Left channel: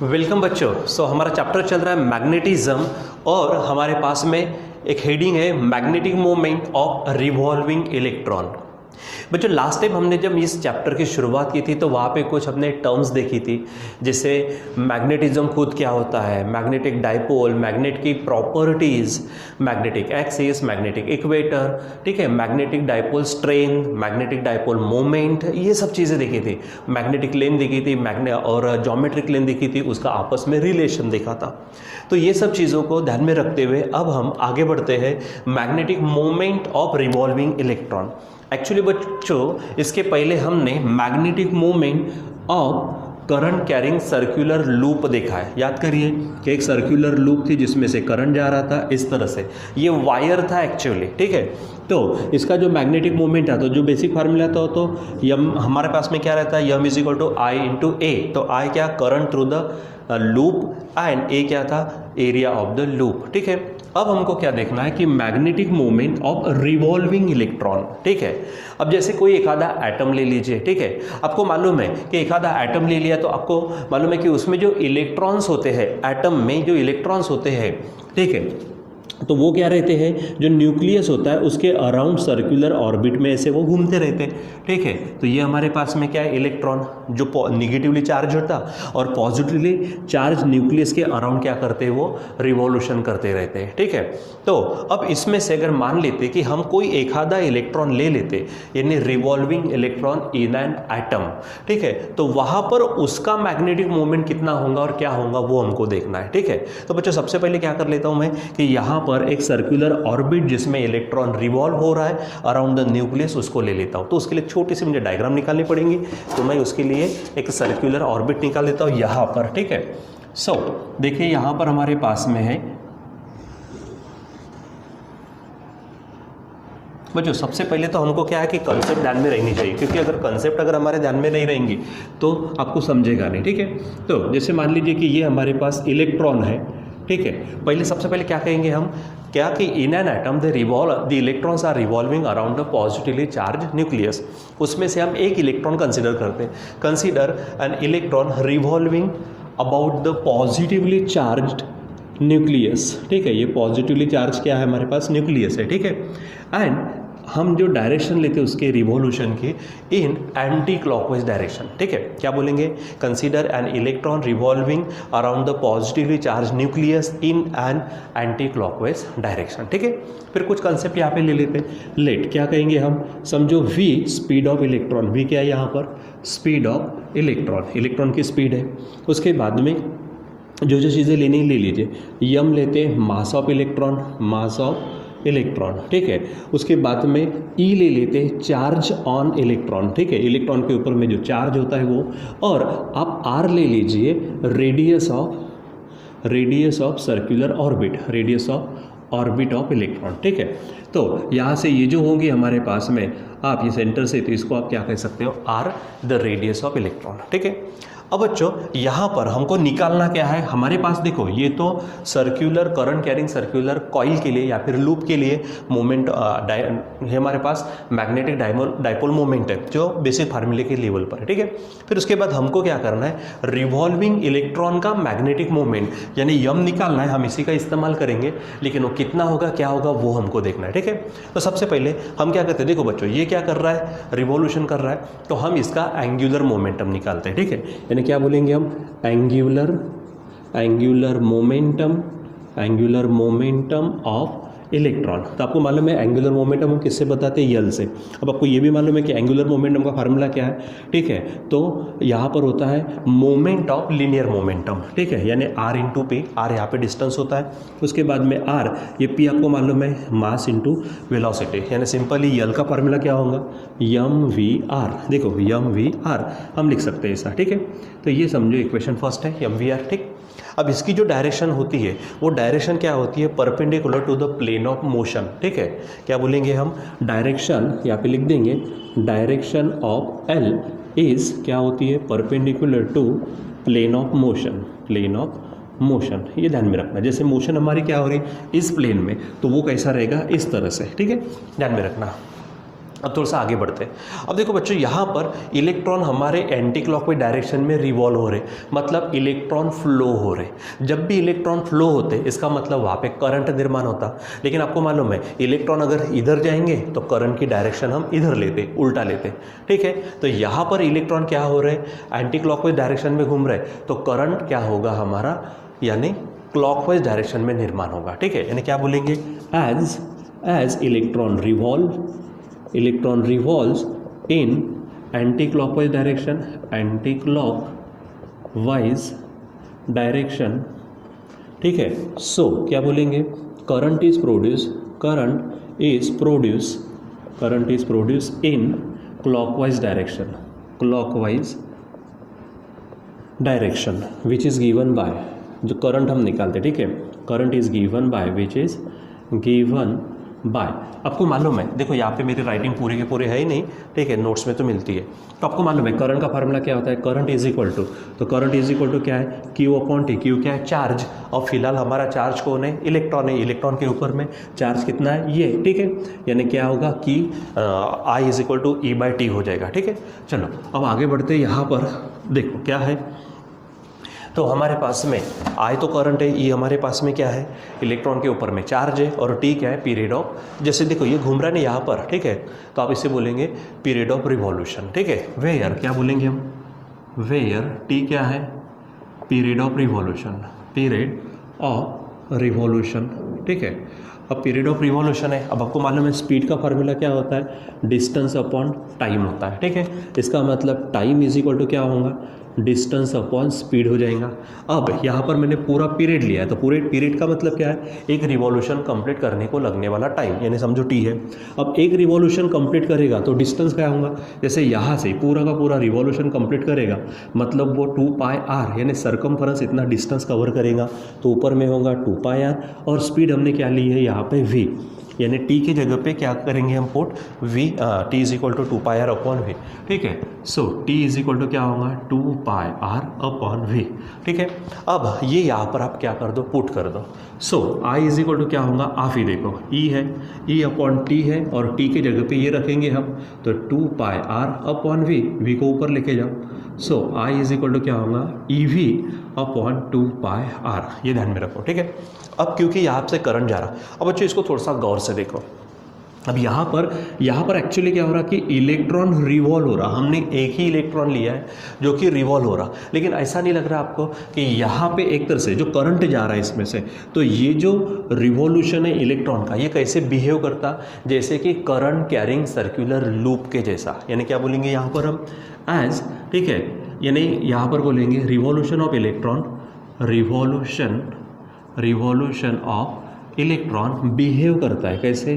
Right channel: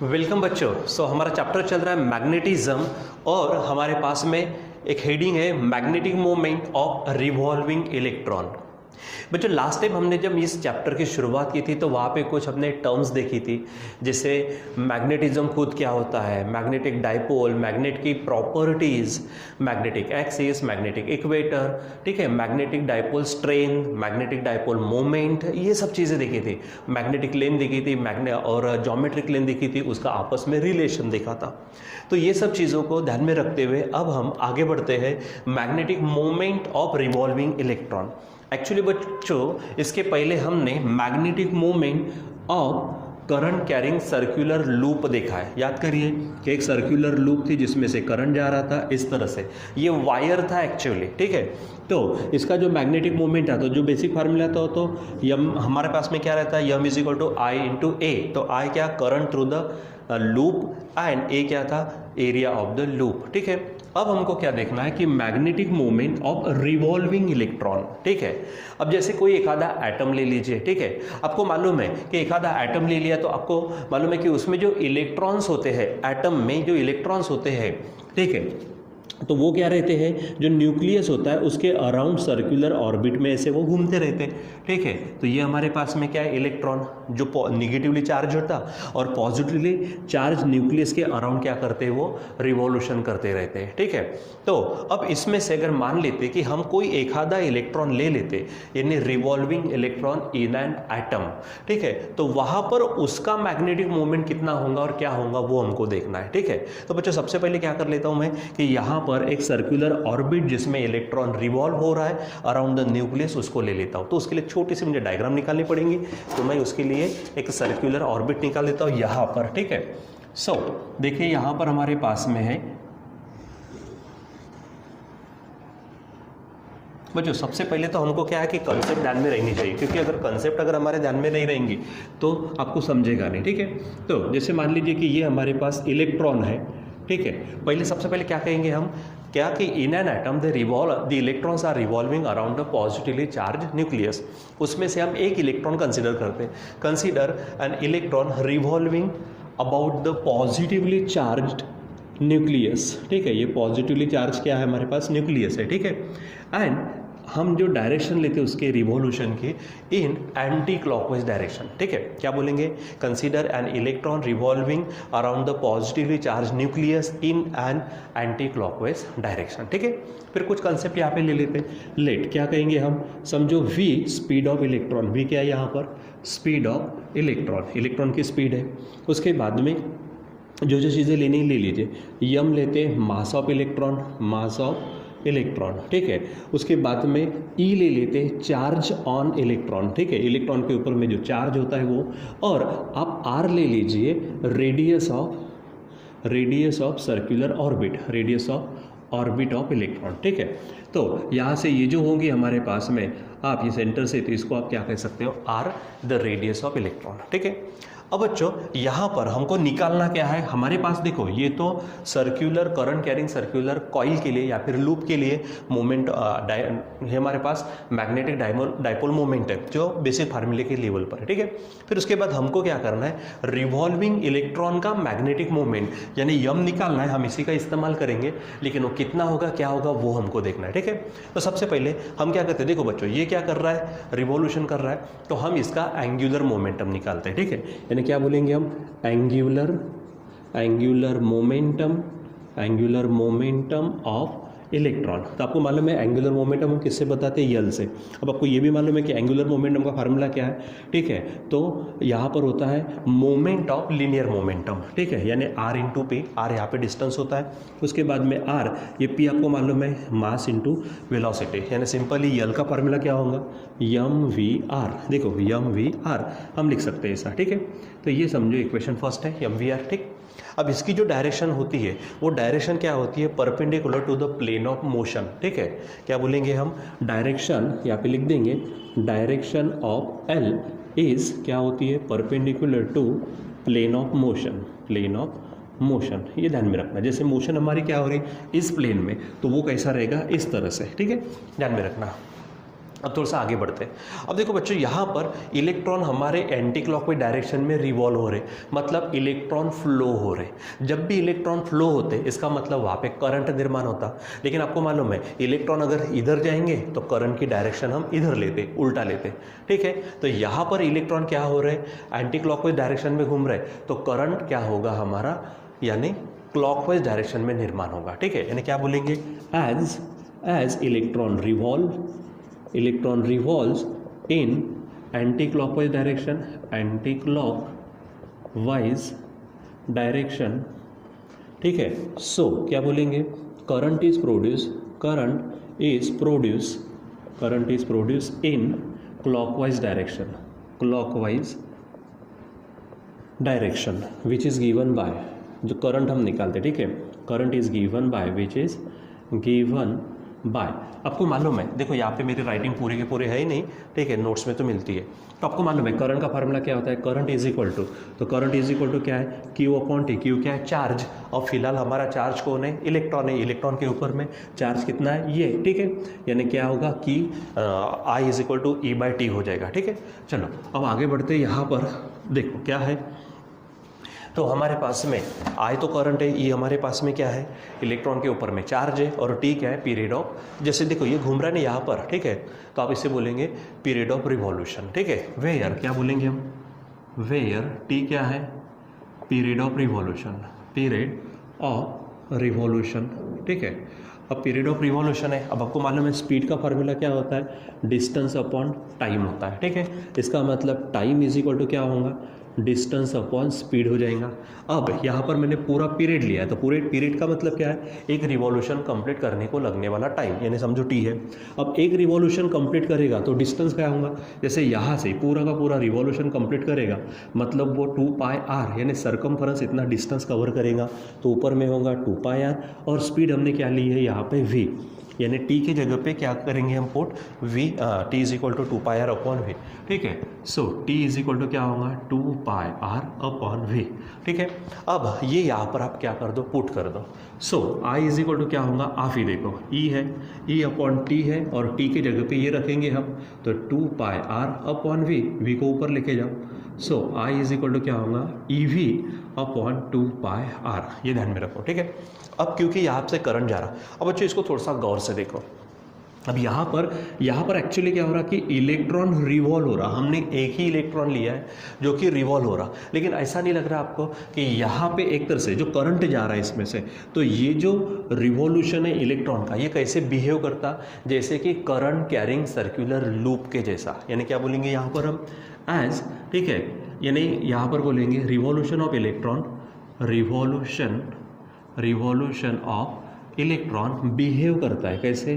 Welcome बच्चों। हमारा chapter चल रहा है मैग्नेटिज्म और हमारे पास में एक हेडिंग है magnetic moment of revolving electron. बच्चों लास्ट टाइम हमने जब इस चैप्टर की शुरुआत की थी तो वहाँ पे कुछ हमने टर्म्स देखी थी, जैसे मैग्नेटिज्म खुद क्या होता है, मैग्नेटिक डाइपोल, मैग्नेट की properties, magnetic axis, magnetic equator, ठीक है, magnetic dipole strain, magnetic dipole moment, ये सब चीज़ें देखी थी। मैग्नेटिक लेंथ देखी थी, और ज्योमेट्रिक लेंथ देखी थी, उसका आपस में रिलेशन देखा था। तो ये सब चीज़ों को ध्यान में रखते हुए अब हम आगे बढ़ते हैं magnetic moment of revolving electron. Actually बच्चों इसके पहले हमने magnetic moment of current carrying circular loop देखा है। याद करिए कि एक सर्कुलर लूप थी जिसमें से करंट जा रहा था इस तरह से, ये वायर था एक्चुअली, ठीक है। तो इसका जो मैग्नेटिक मोमेंट था, तो जो बेसिक फार्मूला था तो यम हमारे पास में क्या रहता है, M is equal to I into A. तो आई क्या, current through the loop, and A क्या था, एरिया ऑफ द लूप, ठीक है। अब हमको क्या देखना है कि magnetic moment of revolving electron, ठीक है। अब जैसे कोई एक आधा एटम ले लीजिए, ठीक है, आपको मालूम है कि एक आधा एटम ले लिया तो आपको मालूम है कि उसमें जो इलेक्ट्रॉन्स होते हैं, एटम में जो इलेक्ट्रॉन्स होते हैं, ठीक है, तो वो क्या रहते हैं, जो न्यूक्लियस होता है उसके अराउंड सर्कुलर ऑर्बिट में ऐसे वो घूमते रहते हैं, ठीक है। तो ये हमारे पास में क्या है, इलेक्ट्रॉन जो निगेटिवली चार्ज होता और पॉजिटिवली चार्ज न्यूक्लियस के अराउंड क्या करते हैं, वो रिवॉल्यूशन करते रहते हैं, ठीक है। तो अब इसमें से अगर मान लेते कि हम कोई एक आधा इलेक्ट्रॉन ले लेते, यानी revolving electron in an atom, ठीक है, तो वहाँ पर उसका मैग्नेटिक मोमेंट कितना होगा और क्या होगा वो हमको देखना है, ठीक है। तो बच्चों सबसे पहले क्या कर लेता हूँ मैं कि यहाँ पर एक सर्कुलर ऑर्बिट जिसमें इलेक्ट्रॉन रिवॉल्व हो रहा है अराउंड द न्यूक्लियस, उसको ले लेता हूँ। तो उसके लिए छोटी सी मुझे डायग्राम निकालनी पड़ेगी, तो मैं उसके लिए एक सर्कुलर ऑर्बिट निकाल लेता हूँ यहाँ पर, ठीक है। देखिए यहाँ पर हमारे पास में है बच्चों, सबसे पहले तो हमको क्या है कि कंसेप्ट ध्यान में रहनी चाहिए, क्योंकि अगर कंसेप्ट अगर हमारे ध्यान में नहीं रहेंगी तो आपको समझेगा नहीं, ठीक है। तो जैसे मान लीजिए कि ये हमारे पास इलेक्ट्रॉन है, ठीक है। पहले सबसे पहले क्या कहेंगे हम, क्या कि in an atom the electrons are revolving around the positively charge nucleus. उसमें से हम एक इलेक्ट्रॉन कंसिडर करते हैं, consider an electron revolving about the positively charged nucleus, ठीक है। ये पॉजिटिवली चार्ज क्या है, हमारे पास न्यूक्लियस है, ठीक है। एंड हम जो डायरेक्शन लेते हैं उसके रिवॉल्यूशन की इन एंटी क्लॉकवाइज डायरेक्शन, ठीक है। क्या बोलेंगे, consider N electron revolving around the positively charge nucleus in an anti clockwise direction, ठीक है। फिर कुछ कंसेप्ट यहाँ पे ले लेते हैं। लेट क्या कहेंगे हम, समझो v speed of electron, v क्या है यहाँ पर, स्पीड ऑफ इलेक्ट्रॉन, इलेक्ट्रॉन की स्पीड है। उसके बाद में जो जो चीज़ें लेनी ले लीजिए, यम लेते हैं mass of electron, mass of electron, ठीक है। उसके बाद में ई ले लेते हैं चार्ज ऑन इलेक्ट्रॉन, ठीक है, इलेक्ट्रॉन के ऊपर में जो चार्ज होता है वो, और आप आर ले लीजिए radius of circular orbit, radius of orbit of electron, ठीक है। तो यहाँ से ये जो होंगे हमारे पास में, आप ये सेंटर से, तो इसको आप क्या कह सकते हो, r the radius of electron, ठीक है। अब बच्चों यहाँ पर हमको निकालना क्या है, हमारे पास देखो ये तो circular current carrying circular coil के लिए या फिर लूप के लिए मोमेंट है, हमारे पास मैग्नेटिक डाइपोल मोमेंट है जो बेसिक फार्मूले के लेवल पर है, ठीक है। फिर उसके बाद हमको क्या करना है, रिवॉल्विंग इलेक्ट्रॉन का मैग्नेटिक मोमेंट यानी यम निकालना है, हम इसी का इस्तेमाल करेंगे, लेकिन वो कितना होगा क्या होगा वो हमको देखना है, ठीक है। तो सबसे पहले हम क्या करते हैं, देखो बच्चों ये क्या कर रहा है, रिवॉल्यूशन कर रहा है, तो हम इसका एंगुलर मोमेंटम निकालते हैं, ठीक है। क्या बोलेंगे हम, एंगुलर मोमेंटम ऑफ इलेक्ट्रॉन। तो आपको मालूम है एंगुलर मोमेंटम हम किससे बताते हैं, यल से। अब आपको ये भी मालूम है कि एंगुलर मोमेंटम का फार्मूला क्या है, ठीक है। तो यहाँ पर होता है मोमेंट ऑफ लीनियर मोमेंटम, ठीक है, यानी आर इंटू पी, आर यहाँ पे डिस्टेंस होता है, उसके बाद में आर, ये पी आपको मालूम है मास इंटू वेलोसिटी, यानी सिंपली यल का फार्मूला क्या होगा, यम वी आर। देखो यम वी आर हम लिख सकते हैं ऐसा, ठीक है। तो ये समझो इक्वेशन फर्स्ट है, यम वी आर, ठीक। अब इसकी जो डायरेक्शन होती है वो डायरेक्शन क्या होती है, perpendicular to the plane of motion, ठीक है। क्या बोलेंगे हम, डायरेक्शन यहाँ पे लिख देंगे, डायरेक्शन ऑफ एल इज क्या होती है, perpendicular to plane of motion, ये ध्यान में रखना। जैसे मोशन हमारी क्या हो रही है इस प्लेन में, तो वो कैसा रहेगा, इस तरह से, ठीक है, ध्यान में रखना। अब थोड़ा सा आगे बढ़ते हैं। अब देखो बच्चों, यहाँ पर इलेक्ट्रॉन हमारे एंटी क्लॉकवाइज डायरेक्शन में रिवॉल्व हो रहे, मतलब इलेक्ट्रॉन फ्लो हो रहे। जब भी इलेक्ट्रॉन फ्लो होते इसका मतलब वहाँ पे करंट निर्माण होता। लेकिन आपको मालूम है इलेक्ट्रॉन अगर इधर जाएंगे तो करंट की डायरेक्शन हम इधर लेते, उल्टा लेते, ठीक है। तो यहाँ पर इलेक्ट्रॉन क्या हो रहे, एंटी क्लॉकवाइज डायरेक्शन में घूम रहे, तो करंट क्या होगा हमारा, यानी क्लॉकवाइज डायरेक्शन में निर्माण होगा, ठीक है। यानी क्या बोलेंगे, as electron revolves in anti-clockwise direction, ठीक है। सो क्या बोलेंगे, current is produce in clockwise direction which is given by, जो करंट हम निकालते, ठीक है, current is given by, which is given by. आपको मालूम है, देखो यहाँ पे मेरी राइटिंग पूरी के पूरे है ही नहीं, ठीक है, नोट्स में तो मिलती है। तो आपको मालूम है करंट का फार्मूला क्या होता है, करंट इज इक्वल टू, तो करंट इज इक्वल टू क्या है, क्यू अपॉन टी। क्यू क्या है, चार्ज, और फिलहाल हमारा चार्ज कौन है, इलेक्ट्रॉन है। इलेक्ट्रॉन के ऊपर में चार्ज कितना है, ये, ठीक है। यानी क्या होगा कि I is equal to E by T हो जाएगा, ठीक है। चलो अब आगे बढ़ते हैं। यहाँ पर देखो क्या है, तो हमारे पास में आई तो करंट है, ये हमारे पास में क्या है, इलेक्ट्रॉन के ऊपर में चार्ज है, और टी क्या है, पीरियड ऑफ, जैसे देखो ये घूम रहा है ना यहाँ पर, ठीक है, तो आप इसे बोलेंगे पीरियड ऑफ रिवॉल्यूशन, ठीक है। वेयर क्या बोलेंगे हम, वेयर टी क्या है, पीरियड ऑफ रिवॉल्यूशन, ठीक है। अब पीरियड ऑफ रिवॉल्यूशन है, अब आपको मालूम है स्पीड का फार्मूला क्या होता है, डिस्टेंस अपॉन टाइम होता है, ठीक है। इसका मतलब टाइम इज इक्वल टू क्या होगा, डिस्टेंस अपॉन स्पीड हो जाएगा। अब यहाँ पर मैंने पूरा पीरियड लिया है, तो पूरे पीरियड का मतलब क्या है, एक रिवॉल्यूशन कंप्लीट करने को लगने वाला टाइम, यानी समझो टी है। अब एक रिवॉल्यूशन कंप्लीट करेगा तो डिस्टेंस क्या होगा, जैसे यहाँ से पूरा का पूरा रिवॉल्यूशन कंप्लीट करेगा, मतलब वो 2 पाई आर, यानी सर्कमफरेंस इतना डिस्टेंस कवर करेगा, तो ऊपर में होगा 2 पाई आर, और स्पीड हमने क्या ली है यहाँ पे v, यानी टी की जगह पे क्या करेंगे हम put v, T is equal to 2 pi R upon V, ठीक है। So T is equal to क्या होगा, 2 पाई आर अपॉन वी, ठीक है। अब ये यहाँ पर आप क्या कर दो, पुट कर दो। सो आई इज इक्वल टू क्या होगा, आप ही देखो ई है, ई अपॉन टी है, और टी के जगह पे ये रखेंगे हम, तो 2 pi R upon V, V को ऊपर लेके जाओ। So I is equal to क्या होगा, E V upon 2 pi R, ये ध्यान में रखो, ठीक है। अब क्योंकि यहाँ से करंट जा रहा, अब बच्चों इसको थोड़ा सा गौर से देखो। अब यहाँ पर एक्चुअली क्या हो रहा कि इलेक्ट्रॉन रिवॉल्व हो रहा, हमने एक ही इलेक्ट्रॉन लिया है जो कि रिवॉल्व हो रहा, लेकिन ऐसा नहीं लग रहा आपको कि यहाँ पे एक तरह से जो करंट जा रहा है इसमें से, तो ये जो रिवॉल्यूशन है इलेक्ट्रॉन का, ये कैसे बिहेव करता, जैसे कि करंट कैरिंग सर्कुलर लूप के जैसा। यानी क्या बोलेंगे यहाँ पर हम, एज, ठीक है, यानी यहाँ पर बोलेंगे revolution of electron, revolution of electron behave करता है, कैसे,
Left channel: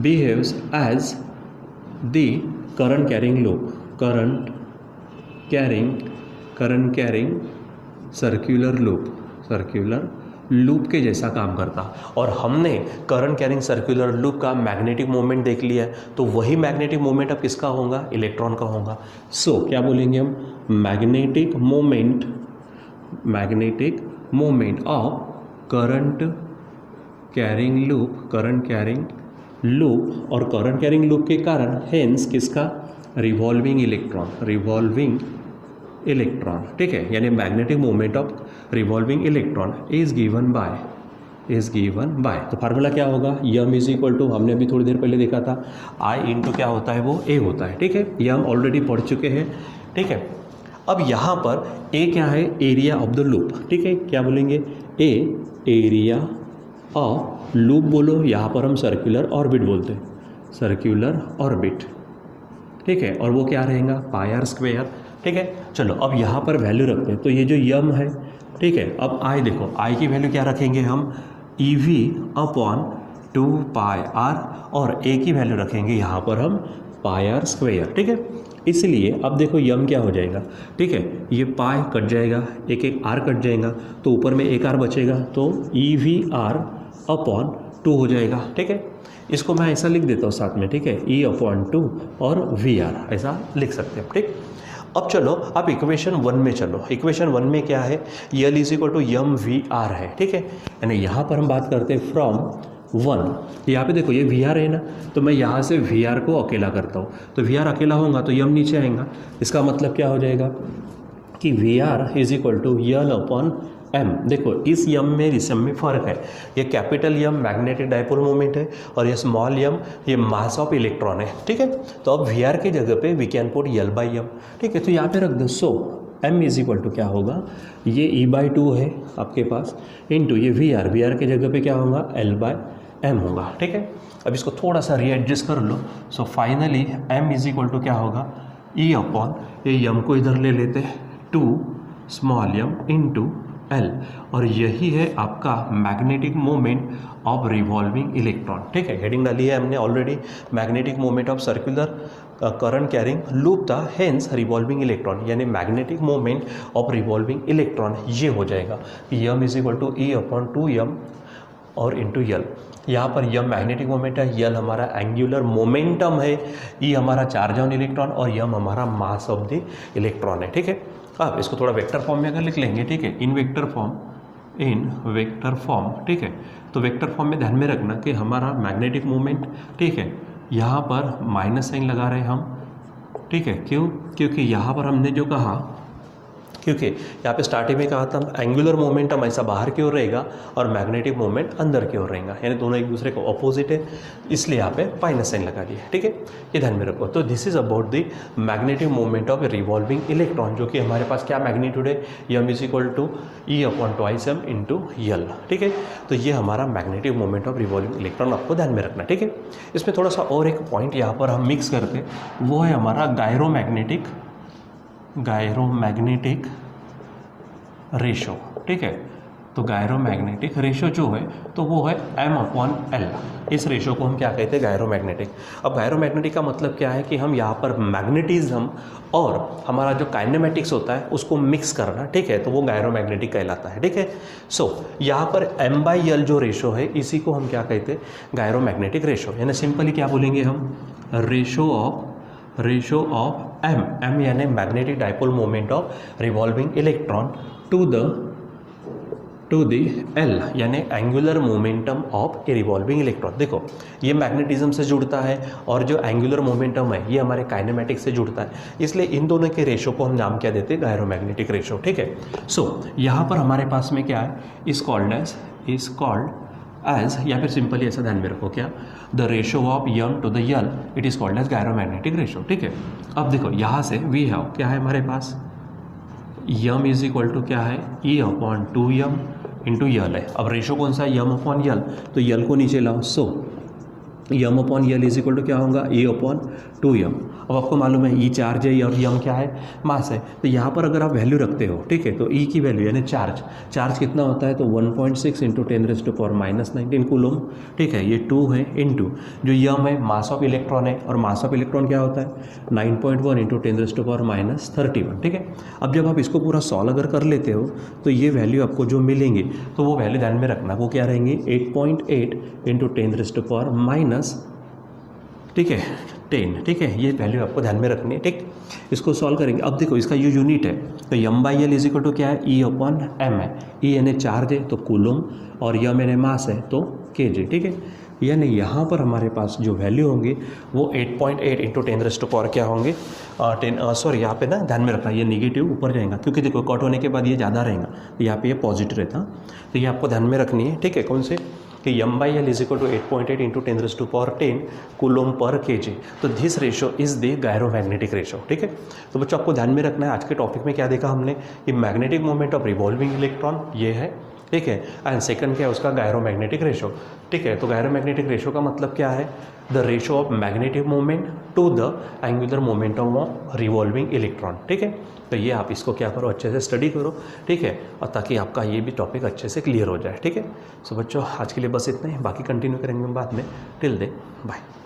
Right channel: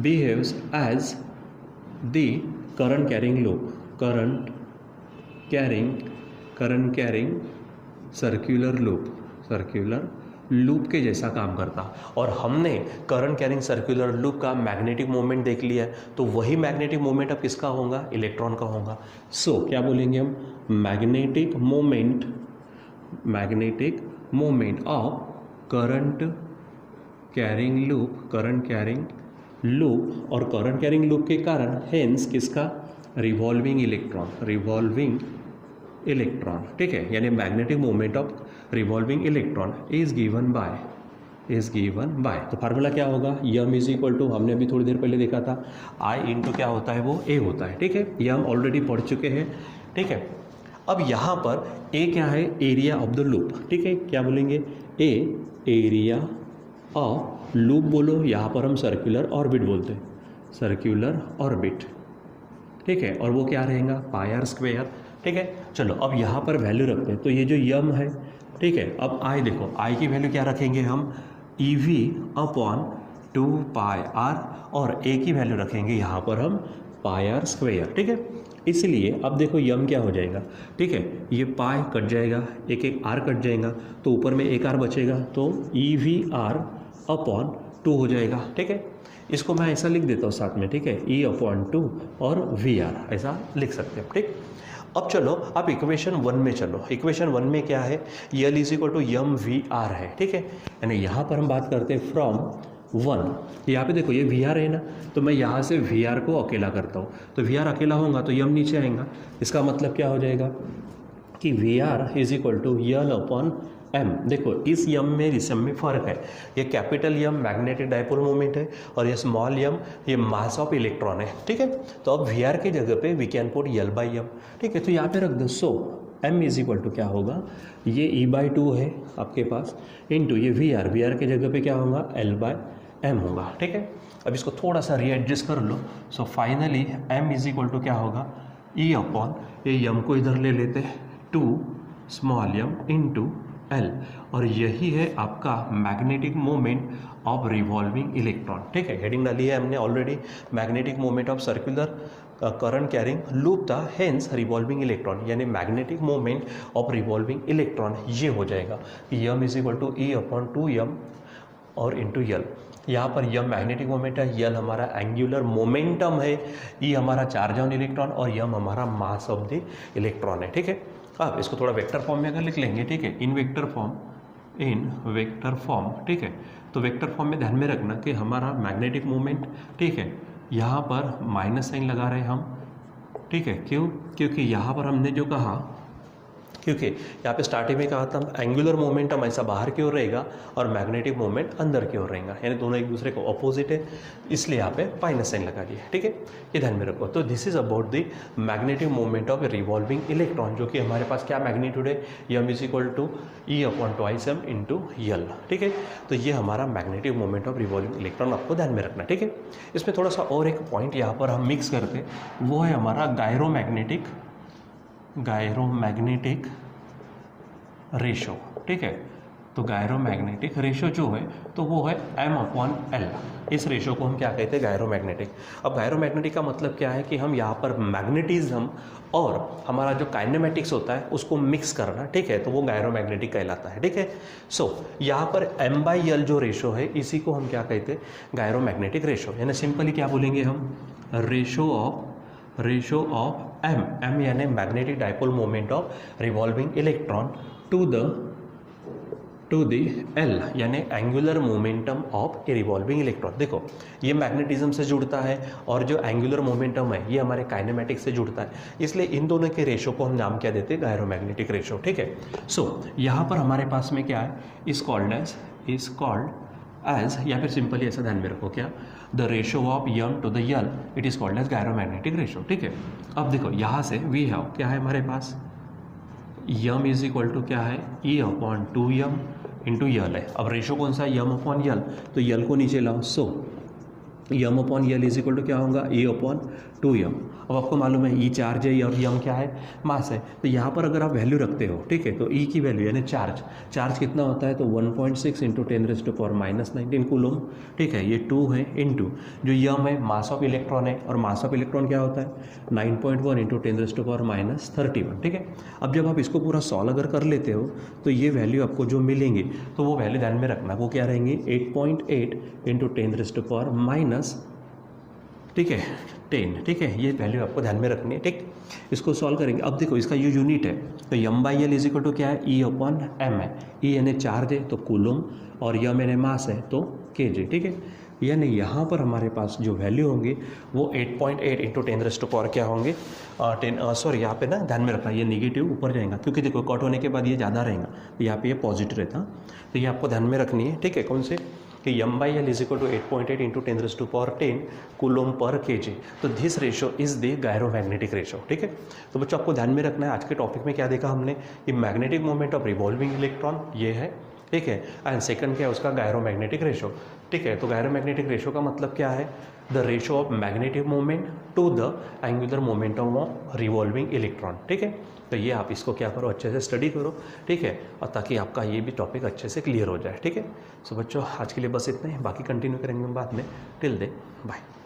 behaves as the current carrying circular loop के जैसा काम करता। और हमने करंट कैरिंग सर्कुलर लूप का मैग्नेटिक मोमेंट देख लिया है, तो वही मैग्नेटिक मोमेंट अब किसका होगा, इलेक्ट्रॉन का होगा। सो क्या बोलेंगे हम, magnetic moment of current carrying loop, और करंट कैरिंग लूप के कारण हेंस किसका, रिवॉल्विंग इलेक्ट्रॉन, ठीक है। यानी magnetic moment of revolving electron is given bye, तो फार्मूला क्या होगा, यम इज इक्वल टू, हमने अभी थोड़ी देर पहले देखा था, आई इंटू क्या होता है, वो ए होता है, ठीक है। ये हम ऑलरेडी पढ़ चुके हैं, ठीक है। अब यहाँ पर ए क्या है, एरिया ऑफ द लूप, ठीक है। क्या बोलेंगे, ए एरिया ऑफ लूप बोलो, यहाँ पर हम सर्कुलर ऑर्बिट बोलते हैं, सर्कुलर ऑर्बिट, ठीक है। और वो क्या रहेगा, पाई आर स्क्वायर, ठीक है। चलो अब यहाँ पर वैल्यू रखते हैं, तो ये जो यम है, ठीक है। अब आई देखो, आई की वैल्यू क्या रखेंगे हम, E V upon 2 pi R, और ए की वैल्यू रखेंगे यहाँ पर हम पाई आर स्क्वायर, ठीक है। इसलिए अब देखो यम क्या हो जाएगा, ठीक है, ये पाई कट जाएगा, एक आर कट जाएगा, तो ऊपर में एक आर बचेगा, तो ई वी आर अपॉन 2 हो जाएगा, ठीक है। इसको मैं ऐसा लिख देता हूँ साथ में, ठीक है, ई अपॉन 2 और वी आर, ऐसा लिख सकते हैं, ठीक। अब चलो आप इक्वेशन 1 में चलो। इक्वेशन 1 में क्या है, L is equal to M V R है, ठीक है। यानी यहाँ पर हम बात करते हैं फ्रॉम 1। यहाँ पे देखो ये वी आर है ना, तो मैं यहाँ से वी आर को अकेला करता हूँ, तो वी आर अकेला होगा तो यम नीचे आएगा। इसका मतलब क्या हो जाएगा कि V R is equal to L upon M. देखो इस यम में इस यम में फ़र्क है, ये capital M magnetic dipole moment है और ये स्मॉल यम ये मास ऑफ इलेक्ट्रॉन है, ठीक है। तो अब वी आर की जगह पे we can put L by M, ठीक है। तो यहाँ पे रख दो, so M is equal to क्या होगा, ये ई बाई 2 है आपके पास इंटू ये वी आर की जगह पे क्या होगा एल बाई एम होगा, ठीक है। अब इसको थोड़ा सा रीएडजस्ट कर लो। So finally M is equal to क्या होगा, ई अपॉन ये यम को इधर ले लेते हैं 2 स्मॉल यम इंटू एल, और यही है आपका magnetic moment of revolving electron, ठीक है। हेडिंग डाली है हमने already, magnetic moment of circular current carrying loop था, हेंस रिवॉल्विंग इलेक्ट्रॉन, यानी magnetic moment of revolving electron ये हो जाएगा कि M is equal to E upon 2 M और इंटू यल। यहाँ पर यम मैग्नेटिक मोमेंट है, यल हमारा एंगुलर मोमेंटम है, ई हमारा चार्ज ऑन इलेक्ट्रॉन और यम हमारा मास ऑफ द इलेक्ट्रॉन है, ठीक है। अब इसको थोड़ा वेक्टर फॉर्म में अगर लिख लेंगे, ठीक है, इन वेक्टर फॉर्म, ठीक है। तो वेक्टर फॉर्म में ध्यान में रखना कि हमारा मैग्नेटिक मोमेंट, ठीक है, यहाँ पर माइनस साइन लगा रहे हैं हम, ठीक है। क्यों, क्योंकि यहाँ पर हमने जो कहा, क्योंकि यहाँ पे स्टार्टिंग में कहा था एंगुलर मोमेंटम ऐसा बाहर की ओर रहेगा और मैग्नेटिक मोमेंट अंदर की ओर रहेगा, यानी दोनों एक दूसरे को अपोजिट है, इसलिए यहाँ पे माइनस साइन लगा दिया, ठीक है। ये ध्यान में रखो। तो this is about the magnetic moment of revolving electron, जो कि हमारे पास क्या मैग्नीट्यूड है, M is equal to E upon twice M into L, ठीक है। तो ये हमारा magnetic moment of revolving electron आपको ध्यान में रखना, ठीक है। इसमें थोड़ा सा और एक पॉइंट यहाँ पर हम मिक्स करते, वो है हमारा गायरोमैग्नेटिक रेशो, ठीक है। तो गायरोमैग्नेटिक रेशो जो है तो वो है m अपॉन एल, इस रेशो को हम क्या कहते हैं, गायरोमैग्नेटिक। अब गायरोमैग्नेटिक का मतलब क्या है कि हम यहाँ पर मैग्नेटिज्म और हमारा जो काइनेमेटिक्स होता है उसको मिक्स करना, ठीक है, तो वो गायरोमैग्नेटिक कहलाता है, ठीक है। सो यहाँ पर m बाई एल जो रेशो है इसी को हम क्या कहते हैं, गायरोमैग्नेटिक रेशो, यानी सिंपली क्या बोलेंगे हम, रेशो ऑफ m यानी magnetic dipole moment of revolving electron to the L, यानी angular momentum of a revolving electron. देखो ये मैग्नेटिज्म से जुड़ता है और जो एंगुलर मोमेंटम है ये हमारे काइनेमेटिक से जुड़ता है, इसलिए इन दोनों के रेशो को हम नाम क्या देते हैं, गायरोमैग्नेटिक रेशो, ठीक है। सो यहाँ पर हमारे पास में क्या है, इज कॉल्ड एज या फिर सिंपली ऐसा ध्यान में रखो, क्या, the ratio of M to the L, it is called as gyromagnetic ratio, ठीक है। अब देखो यहाँ से वी हैव क्या है हमारे पास, यम इज इक्वल टू क्या है, ई अपॉन 2 यम इंटू यल है। अब रेशो कौन सा है, यम अपॉन यल, तो यल को नीचे लाओ, so M upon L is equal to क्या होगा, ई अपॉन 2 यम। अब आपको मालूम है ई चार्ज है और यम क्या है, मास है, तो यहाँ पर अगर आप वैल्यू रखते हो, ठीक है, तो ई की वैल्यू यानी चार्ज कितना होता है, तो 1.6 इंटू 10⁻⁻⁻⁹ कूलम, ठीक है, ये 2 है इंटू जो यम है मास ऑफ इलेक्ट्रॉन है, और मास ऑफ इलेक्ट्रॉन क्या होता है 9.1 इंटू 10⁻⁻31, ठीक है। अब जब आप इसको पूरा सॉल्व अगर कर लेते हो तो ये वैल्यू आपको जो मिलेंगे, तो वो वैल्यू ध्यान में रखना, वो क्या रहेंगे 8.8 इंटू 10⁻⁻, ठीक है 10, ठीक है, ये वैल्यू आपको ध्यान में रखनी है, ठीक। इसको सॉल्व करेंगे। अब देखो इसका ये यूनिट है, तो M by L is equal to क्या है, ई अपॉन एम है, ई यानी चार्ज है तो कूलम, और यम यानी मास है तो केजी, ठीक है। यानी यहाँ पर हमारे पास जो वैल्यू होंगे वो 8.8 इंटू 10⁻⁴ क्या होंगे, 10 सॉरी यहाँ पे ना ध्यान में रखना, ये निगेटिव ऊपर जाएगा क्योंकि देखो कट होने के बाद ये ज़्यादा रहेगा, तो यहाँ पे ये पॉजिटिव रहता, तो ये आपको ध्यान में रखनी है, ठीक है। कौन से, कि M by L is equal to 8.8 into 10⁻10 coulomb पर केजी, तो this ratio is the gyromagnetic ratio, ठीक है। तो बच्चों आपको ध्यान में रखना है, आज के टॉपिक में क्या देखा हमने, कि magnetic moment of revolving electron ये है, ठीक है, एंड सेकंड क्या है उसका, गायरोमैग्नेटिक रेशो, ठीक है। तो गायरोमैग्नेटिक रेशो का मतलब क्या है, the ratio of magnetic moment to the angular momentum of revolving electron, ठीक है। तो ये आप इसको क्या करो, अच्छे से स्टडी करो, ठीक है, और ताकि आपका ये भी टॉपिक अच्छे से क्लियर हो जाए, ठीक है। सो बच्चों आज के लिए बस इतना ही, बाकी कंटिन्यू करेंगे बाद में, टिल देन बाय।